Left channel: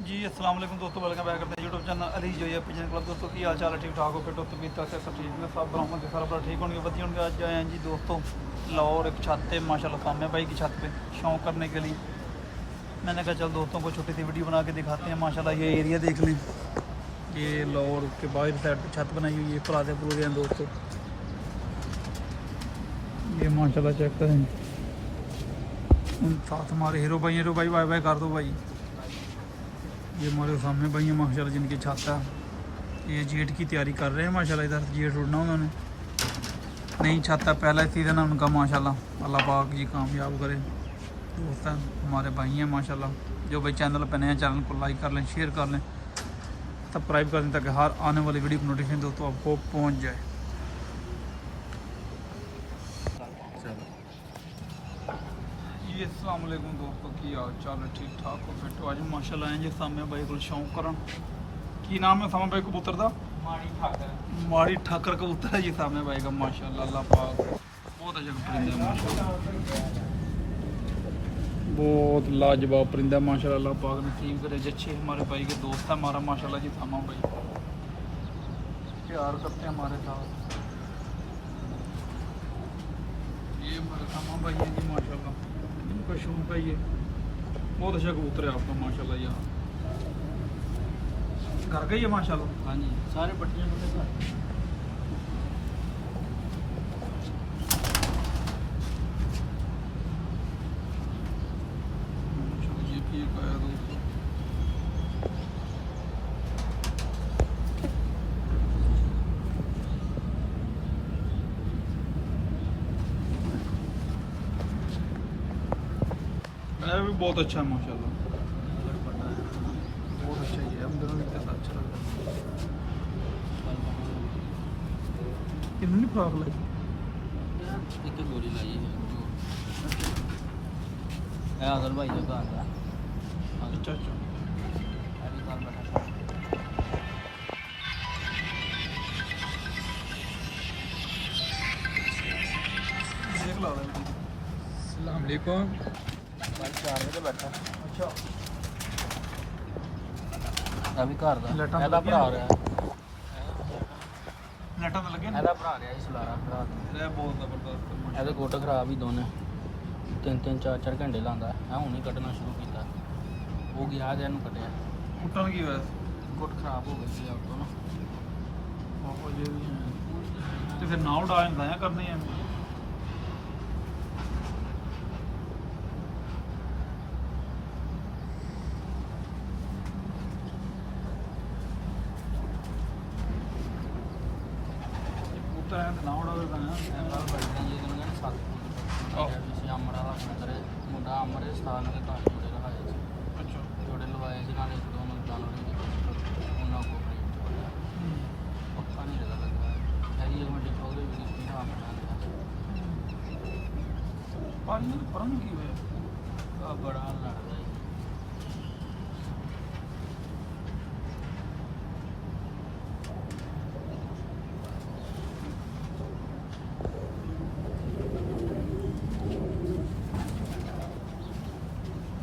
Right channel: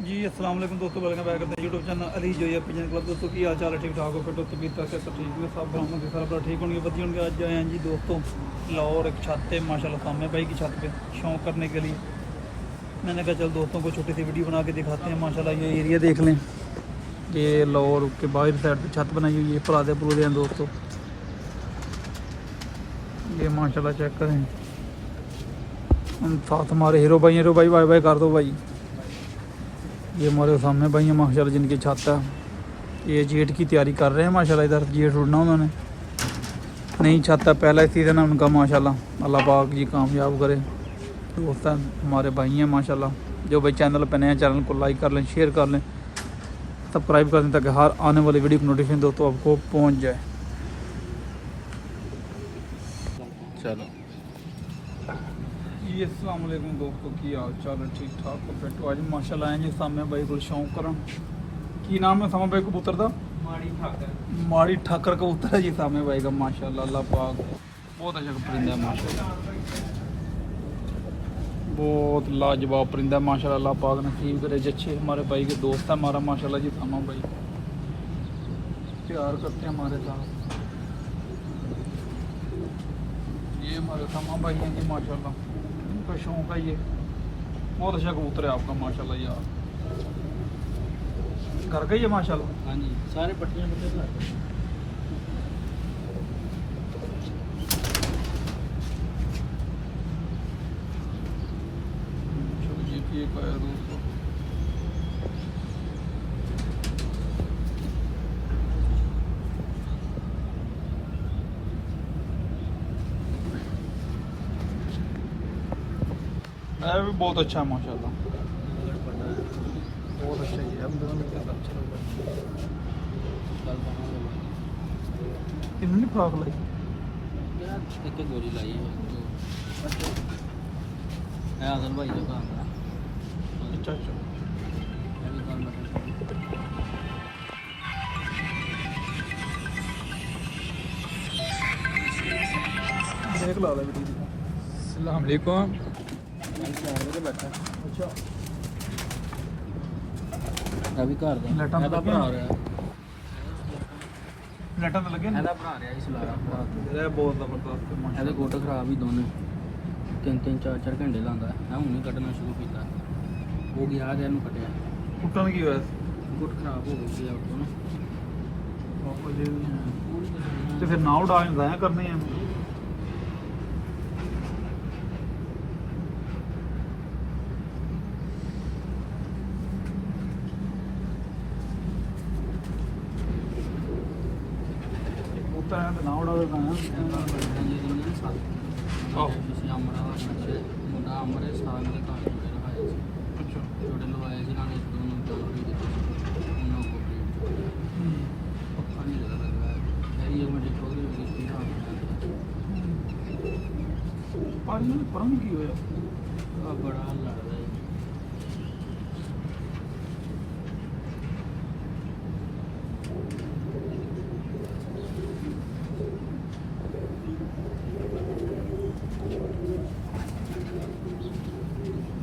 जी अस्सलाम वालेकुम दोस्तों, वेलकम बैक करते हैं यूट्यूब चैनल अली जो है पिजन क्लब। दोस्तों की हाल चाल है, ठीक ठाक हो, फिट हो, तबीयत से तकलीफ में सब बरामद सारा बड़ा ठीक होंगे, वधी होंगे। आज आए हैं जी दोस्तों लाहौर एक छत पे, माशाल्लाह सामने भाई की छत पे शौक करने के लिए। मैंने कहा चल दोस्तों को छोटी सी वीडियो बना के दिखाते हैं। माशाल्लाह ये एरिया देख लें, ये लाहौर के बाहर साइड पर छत बनाई हुई है, परादे पुरादे हैं दोस्तों। ये माशाल्लाह चेक करें, साथ हमारे हीरो भाई बाय बाय कर दो भाई। ये हमारे सामने भाई है माशाल्लाह, जिनकी छत है। ये जेट की तैयारी कर रहे हैं माशाल्लाह, इधर जेट उड़ना उन्होंने, नई छत है, पहला सीज़न है उनका माशाल्लाह। अल्लाह पाक जी कामयाब करे। दोस्त हैं हमारे भाई हैं माशाल्लाह, जो भाई चैनल पर नए हैं चैनल को लाइक कर लें, शेयर कर लें, सब्सक्राइब कर लें, ताकि हर आने वाली वीडियो की नोटिफिकेशन दोस्तों आपको पहुँच जाए। चलो जी अस्सलाम वालेकुम दोस्तों, की हाल चाल है, ठीक ठाक हो, फिट हो। आज माशाल्लाह आए जी सामे भाई को शौक करन। की नाम है सामे भाई कबूतर का? माड़ी ठाकर कबूतर है जी सामे भाई का माशाल्लाह। अल्लाह पाक बहुत अच्छा परिंदा है माशाल्लाह, बहुत लाजवाब परिंदा है माशाल्लाह। अल्लाह पाक नसीब करे जच्छे हमारे भाई के दोस्त है हमारा माशाल्लाह जी। सामा भाई प्यार करते हैं हमारे साथ। ये हमारे सामा भाई हैं जी माशाल्लाह, इनका शौक है ये, बहुत अच्छा कबूतर है आपका माशाल्लाह यार। घर का ही है माशाल्लाह। हाँ जी, सारे पट्टियाँ मिलते हैं। चलो ये भी एक आया दोस्तों। है भी बहुत अच्छा है माशाल्लाह, बहुत अच्छा ही है। हम दोनों देखते हैं अच्छा लग रहा है। कितनी फ्रॉक लाई? एक जोड़ी लाई है। है आदर भाई ये बात है। अच्छा अच्छा, देख ला ला बेटी। अस्सलाम वालेकुम। अच्छा अभी घर दा लाइटां ਇਹਦਾ ਲੱਗੀਆਂ ਭਰਾ ਨੇ? ਰਿਹਾ। लाइटां तो लगे ने? ਇਹਦਾ ਭਰਾ ਰਿਹਾ ਇਸ ਲਾਰਾ। ये बहुत जबरदस्त है ਇਹਦੇ माशाल्लाह। ਗੋਟ ਖਰਾਬ ਹੀ ਦੋਨੇ, 3-3 4-4 ਘੰਟੇ ਲਾਉਂਦਾ ਹੈ। ਮੈਂ ਹੁਣ ਹੀ ਕੱਢਣਾ ਸ਼ੁਰੂ ਕੀਤਾ, ਉਹ ਗਿਆ ਜੇ ਇਹਨੂੰ ਕੱਢਿਆ, उठन की वजह ਗੋਟ ਖਰਾਬ ਹੋ ਗਈ ਸੀ ਉਹ ਨਾ। से ये भी हैं तो फिर ना उड़ा जाया करनी है। होता है तो ना उड़ा जाया। ਆਹੋ। ਮੁੰਡਾ ਅਮਰੇ ਸਾਲ ਦੇ ਘਰ ਜੋੜੇ ਰਹਾਏ ਸੀ, अच्छा ਜੋੜੇ ਲਵਾਏ ਸੀ ਨਾਲ ਇੱਕ ਦੋ ਨੂੰ ਜਾਨਵਰ ਵੀ ਦਿੱਤੇ ਉਹਨਾਂ ਕੋਲ ਪੱਖਾ ਨਹੀਂ ਲੱਗਾ। ਇਹ ਮੁਝੇ ਕੋਈ ਵੀ ਕਿਸ ਤਰ੍ਹਾਂ आज मैंने परम की होया ਆ ਬੜਾ ਲੱਗਦਾ ਹੈ।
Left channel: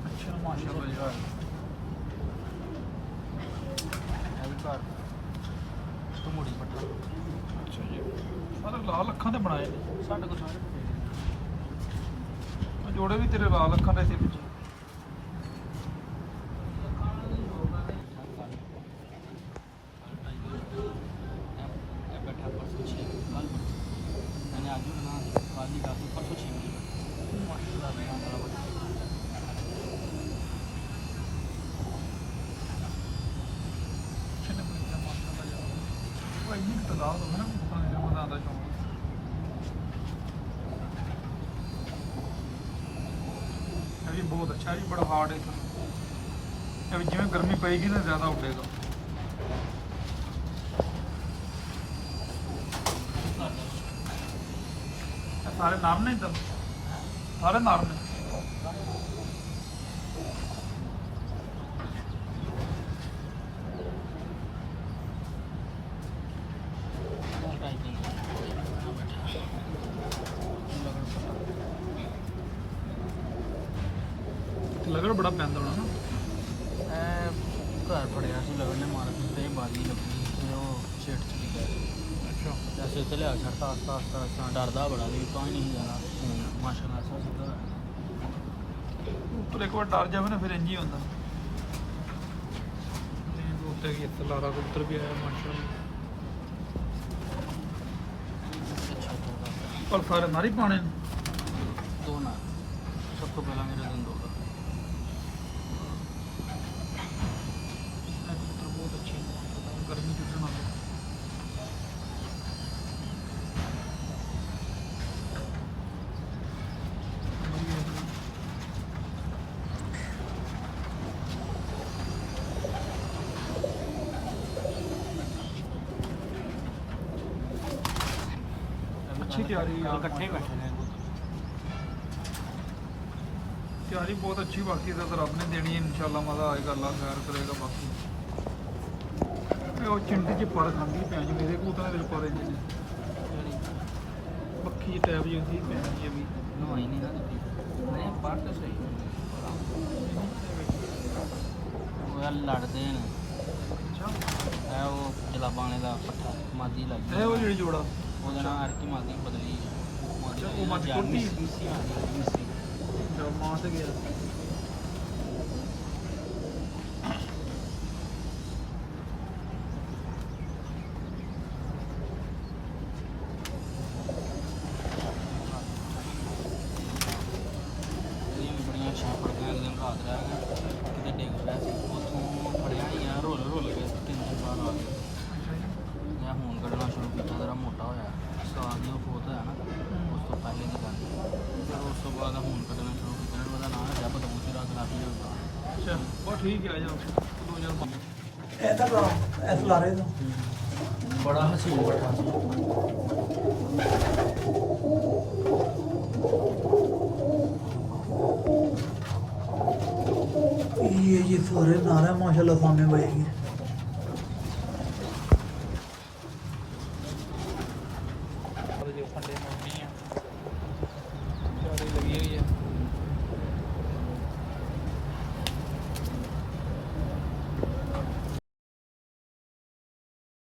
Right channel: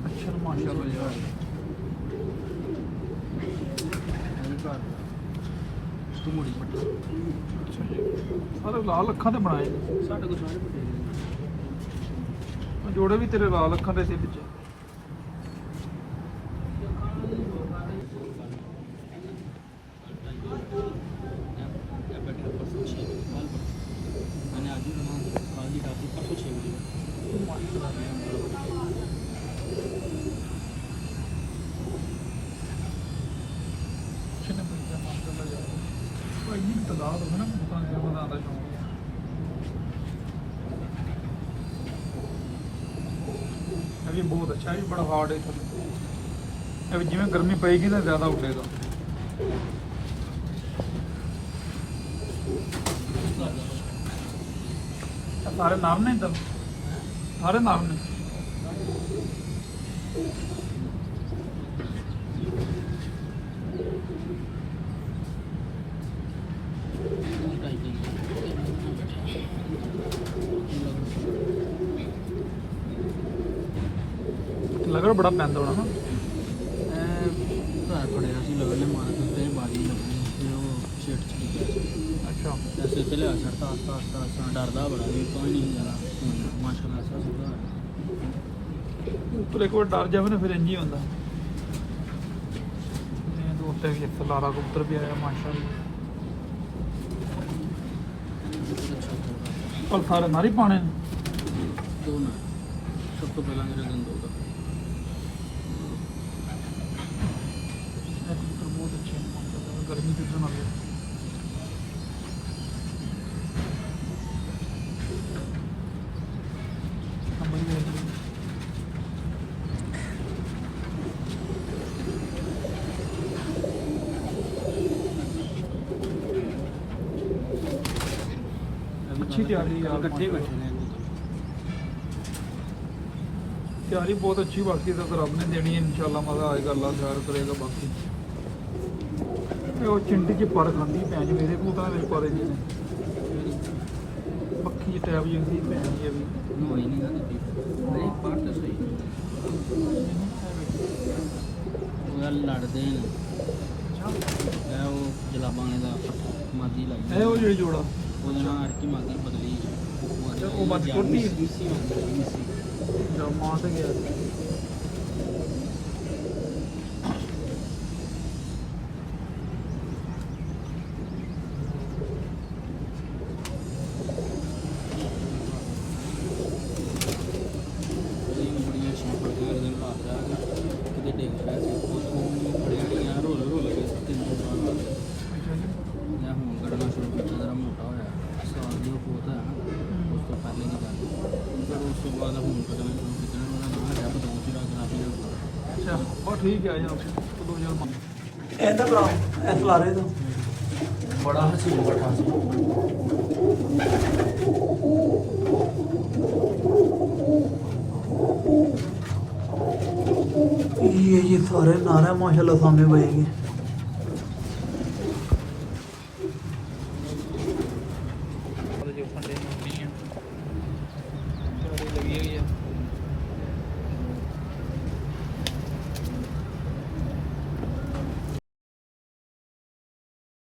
अच्छा माशाल्लाह यार। ਤੂੰ ਮੁੜੀ अच्छा जी, सारे लाल अखा ते बनाए ने। ਸਾਡੇ ਕੋਲ जोड़े भी तेरे लाल अखा दे सी पिछे। मैंने आज ही बना कल ही रात परसों 6 बजे माशाल्लाह यार, भाई नहीं तादाद हो ना पता नहीं फिर बनाने का शौक। ये भी बहुत अच्छा है, ये भी बड़ा हार्ड है थले। ये भी जिमें गर्मी पेगी ना ज़्यादा उड़ेगा। ये सारे नाम ने इधर, सारे नाम ने। लग रहा बड़ा पैंदा होना ना। ਡਰਦਾ ਬੜਾ ਵੀ ਕੋਈ ਨਹੀਂ ਹੁੰਦਾ ਮਾਸ਼ਾਅੱਲਾ ਸਿੱਧਾ ਉੱਤਰ ਇੱਕ ਵਾਰ ਡਰ ਜਾਵੇ ਨਾ ਫਿਰ ਇੰਝ ਹੀ ਹੁੰਦਾ। ਨੇ ਦੋ ਉੱਤੇ ਵੀ ਇੱਥੇ ਲਾਰਾ ਕਬੂਤਰ ਵੀ ਆਇਆ ਮਾਸ਼ਾਅੱਲਾ। ਪਰ ਸਾਰੇ ਮਾਰੀ ਪਾਣੇ ਨੇ। ਦੋ ਨਾ ਸਭ ਤੋਂ ਪਹਿਲਾਂ ਮੇਰੇ ਦਿਨ ਦੋ ਇਹ ਕਬੂਤਰ ਬਹੁਤ ਅੱਛੇ ਨੇ ਮਾਸ਼ਾਅੱਲਾ, ਗਰਮੀ ਚੁੱਟਣ ਵਾਲੇ। ਨੰਬਰ ਹੀ ਹੈ अच्छी तैयारी है यार, तैयारी बहुत अच्छी। बाकी तो रब ने देनी है इंशाल्लाह, मजा आएगा, अल्लाह खैर करेगा। बाकी वो चिंटी च पर खाती भैन जी मेरे कबूतर मेरे पर पक्की टैब जी होंगी भैन जी अभी लड़ते हैं वो जलाबा का मागी लग है वो जी जोड़ा। अच्छा की मागी बदली अच्छा वो मत छोटी है मिस्सी मागी मिस्सी जब मां से गया ठीक है। आ जाओ 2005 ऐसा बनाओ, ऐसा ला रहे तो बड़ा हसीन बड़ा ये सारे नारे माशाल्लाह सामने बजेंगे।